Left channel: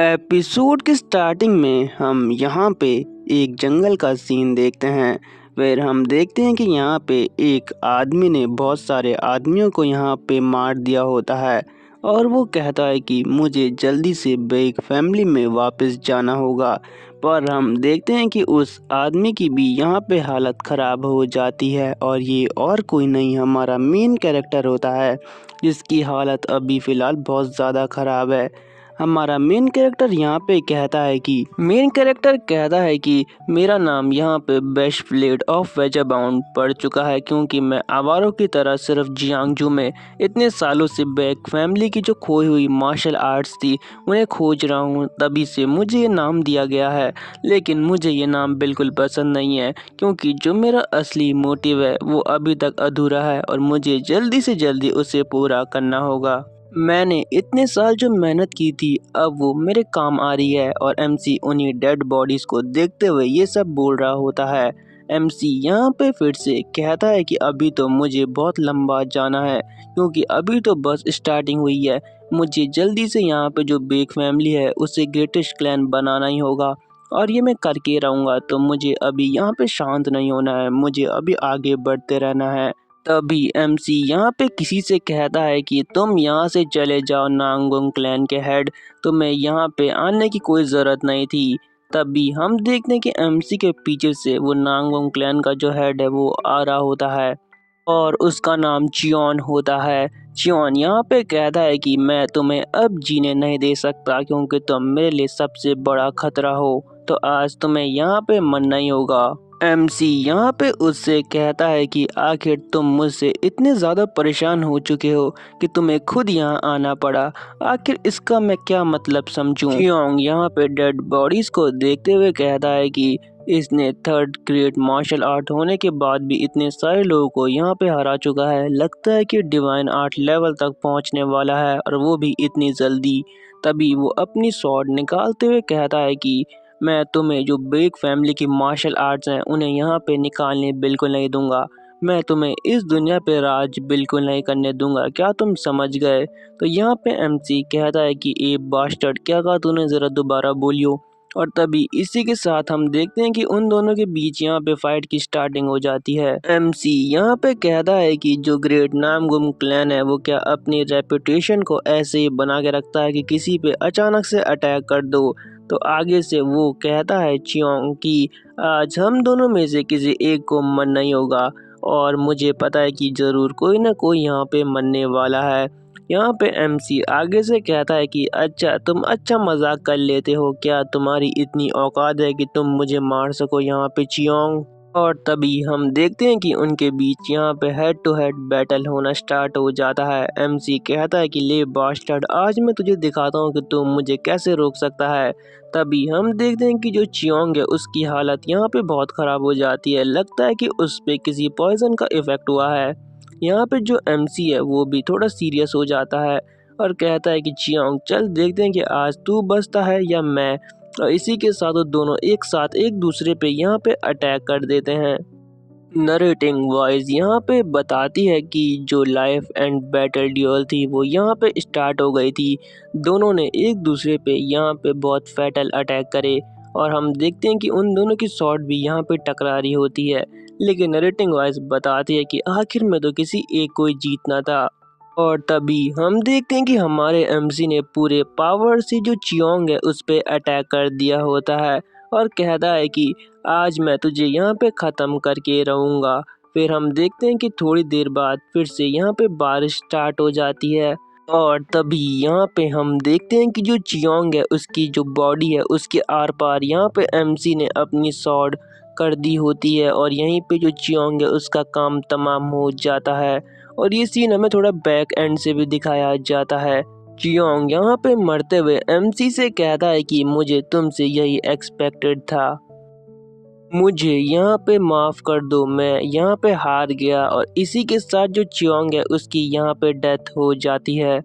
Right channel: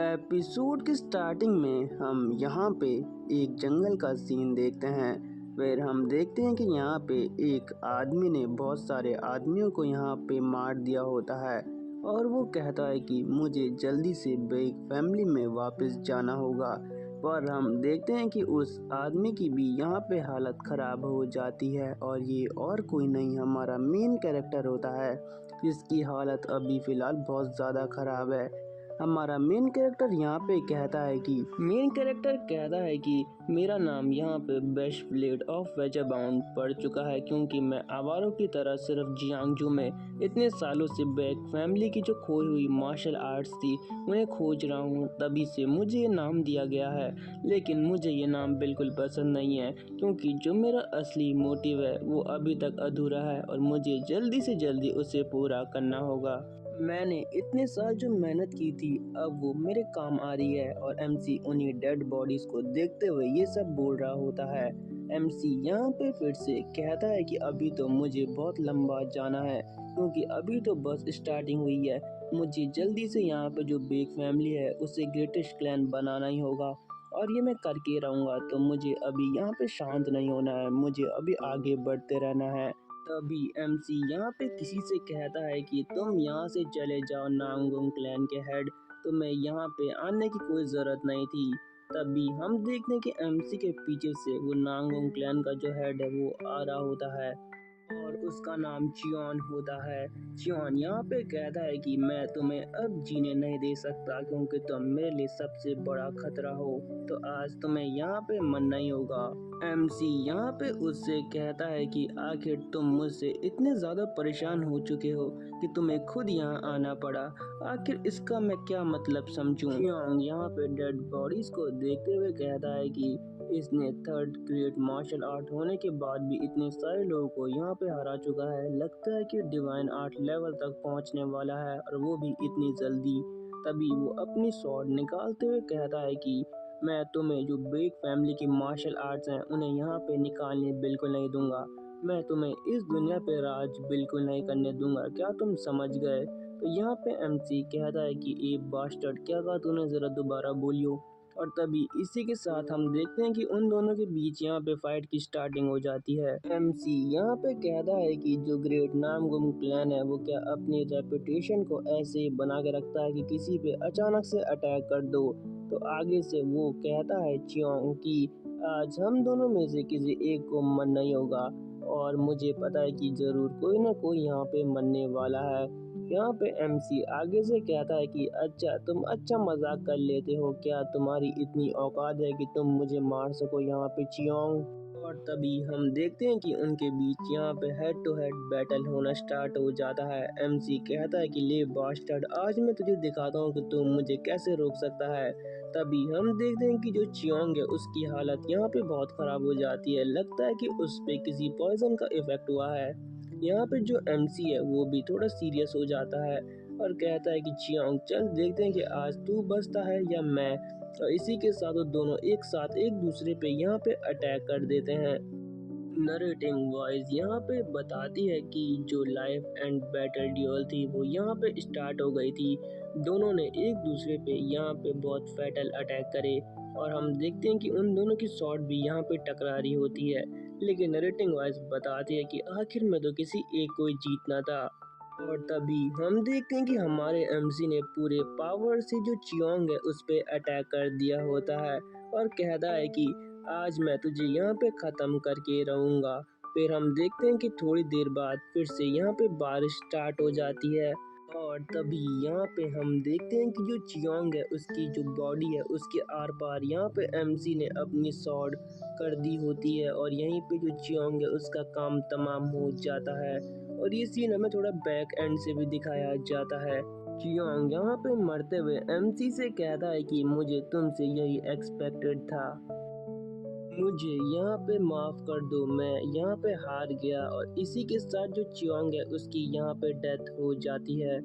Episode की starting में हम यहाँ पे एक जंगल का सीन देखते हैं। फिर हम देखते हैं कि यहाँ पे एक आदमी ने बहुत सारे आदमियों को यहाँ पे मार दिया होता है और वो कहता है कि मुझे जल्दी से बेग फैमिली में वापस जाना होगा। पर हम देखते हैं कि उस आदमी की भी यहाँ पे हालत ख़राब हो जाती है और ये और कोई नहीं हमारा मेन कैरेक्टर होता है जिसकी हालत अभी फ़िलहाल बहुत ज़्यादा ख़राब है। हमारा मेन कैरेक्टर कहता है कि मेरा नाम यहाँ पे बेस्ट प्लेड ऑफ वेजाबाउंड पड़ चुका है क्योंकि मैं आवारों की तरह सिर्फ जियांगजू में इतने सालों से बैक फैमिली की जो खोई हुई मार्शल आर्ट्स थी उन्हें खोज रहा हूँ, तभी से मुझे ये नाम दिया गया है। लेकिन मुझे ये नाम बिल्कुल पसंद नहीं है क्योंकि जो मेरा असली मोटिव है वो अभी तक अधूरा है और मुझे जल्दी से जल्दी उसे पूरा करना होगा। मैंने इतने साल जो मेहनत की थी अब वो मेरे काम आ रही है और एमसी उन्हीं डेड बॉडीज को देखते हुए ये सब बोल रहा होता है। एमसी यहाँ पे फिर से कहता है कि अभी तो मुझे बहुत लंबा जाना है क्योंकि अभी तो बस स्टार्टिंग हुई है। मुझे जल्दी से यहाँ पे जो बेक फैमिली है उसे ग्रेटेस्ट क्लैन बनाना ही होगा और ये मैं करके रहूँगा। तो मुझे अभी यहाँ पे शांत नहीं होना है, मुझे अभी आगे बढ़ते रहना है। तभी एमसी यहाँ पे किसी से कहता है कि तुम यहाँ से चले जाओ नांगोंग क्लैन के हेड, तुम्हें यहाँ पे आने की कोई ज़रूरत नहीं थी। तभी हम देखते हैं कि एमसी के पीछे से वो नांगोंग क्लैन का जो हेड है वो आ रहा होता है और उसका नाम चियोन होता है। चियोन यहाँ पे कहता है कि मैं तुम्हें अब जीने नहीं दे सकता क्योंकि तुम मेरे लिए सबसे बड़ा खतरा हो, तो आज तुम्हें यहाँ पे मरना ही होगा। एमसी यहाँ पे उससे कहता है कि आखिर तुम मुझसे इतने ज़्यादा परेशान हो चुके हो कि तुम्हें खुद यहाँ आना पड़ा, आखिर इसका मैं क्या मतलब समझूं। चियोंग यहाँ पे डेड बॉडीज को देखते हुए कहता है कि इसने थर्ड ग्रेड मार्शल आर्ट होने के बाद भी इतने सारे लोगों को यहाँ पे हरा चुका है, लगता है कि डिवाइन आर्ट लेवल तक पहुँचने वाला है और वो भी इतनी जल्दी। तभी वो अपनी स्वॉर्ड निकालते हुए कहता है कि मैं तुम्हें जो बेक फैमिली की मार्शल आर्ट्स हैं उन्हें यहाँ पे निकालने बिल्कुल नहीं दूंगा, मैं तुम्हें इस दुनिया पे राज बिल्कुल नहीं करने दूंगा, क्या तुम समझ गए। तो यहाँ पे एमसी कहता है कि ए बास्टर्ड, क्या कहा तूने, ज़रा दोबारा बोलियो। और तभी इसी के साथ हम देखते हैं कि उन दोनों के बीच यहाँ पे फाइट की स्टार्टिंग हो जाती है। एमसी यहाँ पे कहता है कि जो ग्रेट नामगुम क्लैन है वो क्या अपनी रेपुटेशन को ऐसे ही बना के रखता है कि किसी पे अचानक से अटैक कर दो। तो आगे से वो कहता है चियोंग कि आज हम दोनों में से किसी एक को मरना ही होगा और मुझे पता है कि ज़रूर कोई ना कोई यहाँ पे मरने वाला है। यहाँ पे एमसी आगे से कहता है कि अच्छा तुम अच्छा मजाक कर लेते हो, क्या तुम्हारी इतनी औकात है कि तुम मुझे मार सको यहाँ पे चियोंग। और तभी हम देखते हैं कि उनके बीच यहाँ पे हेड टू हेड बैटल होना स्टार्ट हो जाता है। एमसी कहता है कि ले बास्टर्ड, आज मैं तुझे दिखाता हूँ कि तुम मुझे कैसे रोक सकता है। तभी हम देखते हैं कि जो चियोंग है उसकी हालत यहाँ पे बहुत ख़राब हो जाती है, लगता है कि उस पे किसी पॉइजन का इफ़ेक्ट हुआ है। यहाँ पे जो एमसी है वो भी थोड़ा सीरियस हो जाता है और कहता है कि चियोंग चल देखते हैं कि आज तू बचता है या मैं। और इसी के साथ वो दोनों एक साथ एक दूसरे पे यहाँ पे अटैक कर देते हैं। नरेटिंग वॉइस यहाँ पे बताती है कि जो लाइफ एंड बैटल ड्यूअल थी वो यहाँ पे स्टार्ट हो गई थी, दोनों ने एक दूसरे पे यहाँ पे बहुत फैटल अटैक करे और हम देखते हैं कि उन दोनों की शॉट भी यहाँ पे टकरा रही होती है। लेकिन नरेटिंग वॉइस बताती है कि आखिर में तो किसी एक को ही जीतना था। और तभी हम देखते हैं कि हमारे एमसी ने पूरे पावर से जो चियोंग है उस पे अटैक कर दिया होता है और कहता है कि आज मैं तुझे यहाँ पे ख़त्म करके रहूँगा। फिर हम देखते हैं कि थोड़ी देर बाद फिर से यहाँ पे बारिश स्टार्ट हो जाती है और तभी यहाँ पे हम देखते हैं कि जो चियोंग है उसकी जो बॉडी है उसके आर पार यहाँ पे एमसी ने अपनी सॉर्ड कर दी होती है और यहीं पे जो चियोंग है उसका काम तमाम हो जाता है। और ये सीन हमें थोड़ा बैक एंड से भी दिखाया जाता है। चियोंग यहाँ पे मरते हुए एमसी से कहता है कि मुझे तुमसे यही एक्सपेक्टेड था, मुझे यहाँ पे माफ़ कर दो, मैं यहाँ पे हार गया। और इसी के साथ जो चियोंग है उसकी यहाँ पे डेथ हो जाती है।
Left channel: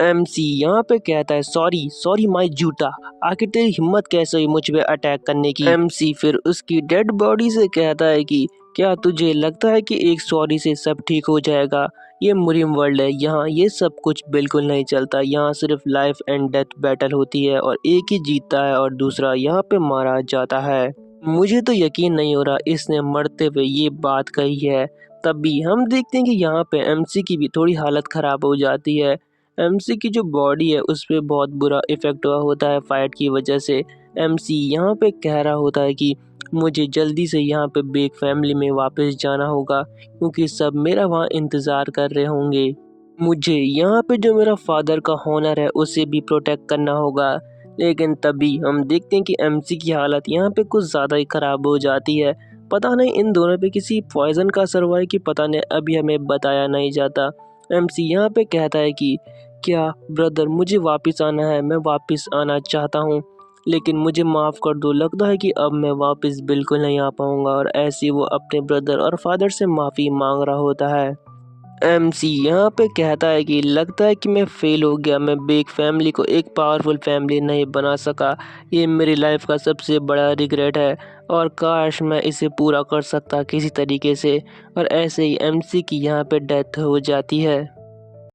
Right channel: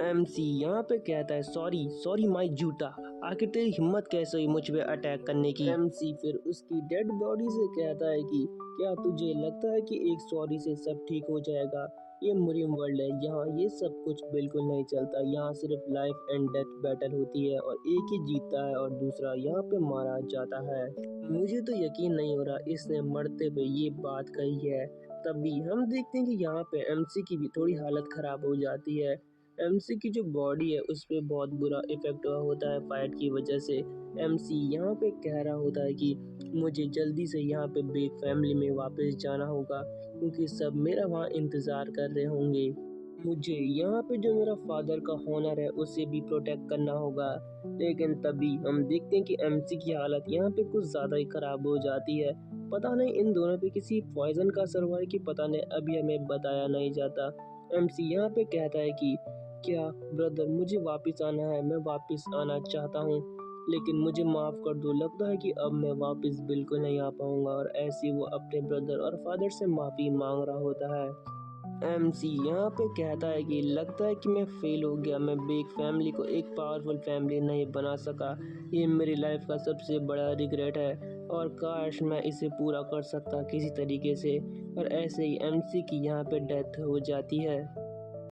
एमसी यहाँ पे कहता है सॉरी सॉरी माय जूता, आखिर तेरी हिम्मत कैसे हुई मुझ पे अटैक करने की। एमसी फिर उसकी डेड बॉडी से कहता है कि क्या तुझे लगता है कि एक सॉरी से सब ठीक हो जाएगा, ये मुरिम वर्ल्ड है, यहाँ ये सब कुछ बिल्कुल नहीं चलता। यहाँ सिर्फ लाइफ एंड डेथ बैटल होती है और एक ही जीतता है और दूसरा यहाँ पे मारा जाता है। मुझे तो यकीन नहीं हो रहा इसने मरते हुए ये बात कही है। तभी हम देखते हैं कि यहाँ पे एमसी की भी थोड़ी हालत ख़राब हो जाती है। एमसी की जो बॉडी है उस पे बहुत बुरा इफ़ेक्ट हुआ होता है फाइट की वजह से। एमसी यहाँ पे कह रहा होता है कि मुझे जल्दी से यहाँ पे बेक फैमिली में वापस जाना होगा क्योंकि सब मेरा वहाँ इंतज़ार कर रहे होंगे। मुझे यहाँ पे जो मेरा फादर का हॉनर है उसे भी प्रोटेक्ट करना होगा। लेकिन तभी हम देखते हैं कि एमसी की हालत यहाँ पे कुछ ज़्यादा ही ख़राब हो जाती है। पता नहीं इन दोनों पे किसी पॉइज़न का असर हुआ है कि पता नहीं, अभी हमें बताया नहीं जाता। एमसी यहाँ पे कहता है कि क्या ब्रदर मुझे वापस आना है, मैं वापस आना चाहता हूँ लेकिन मुझे माफ़ कर दो, लगता है कि अब मैं वापस बिल्कुल नहीं आ पाऊँगा। और ऐसे ही वो अपने ब्रदर और फादर से माफ़ी मांग रहा होता है। एमसी यहाँ पे कहता है कि लगता है कि मैं फेल हो गया, मैं बिग फैमिली को एक पावरफुल फैमिली नहीं बना सका। ये मेरी लाइफ का सबसे बड़ा रिग्रेट है और काश मैं इसे पूरा कर सकता किसी तरीके से। और ऐसे ही एमसी की यहाँ पे डेथ हो जाती है।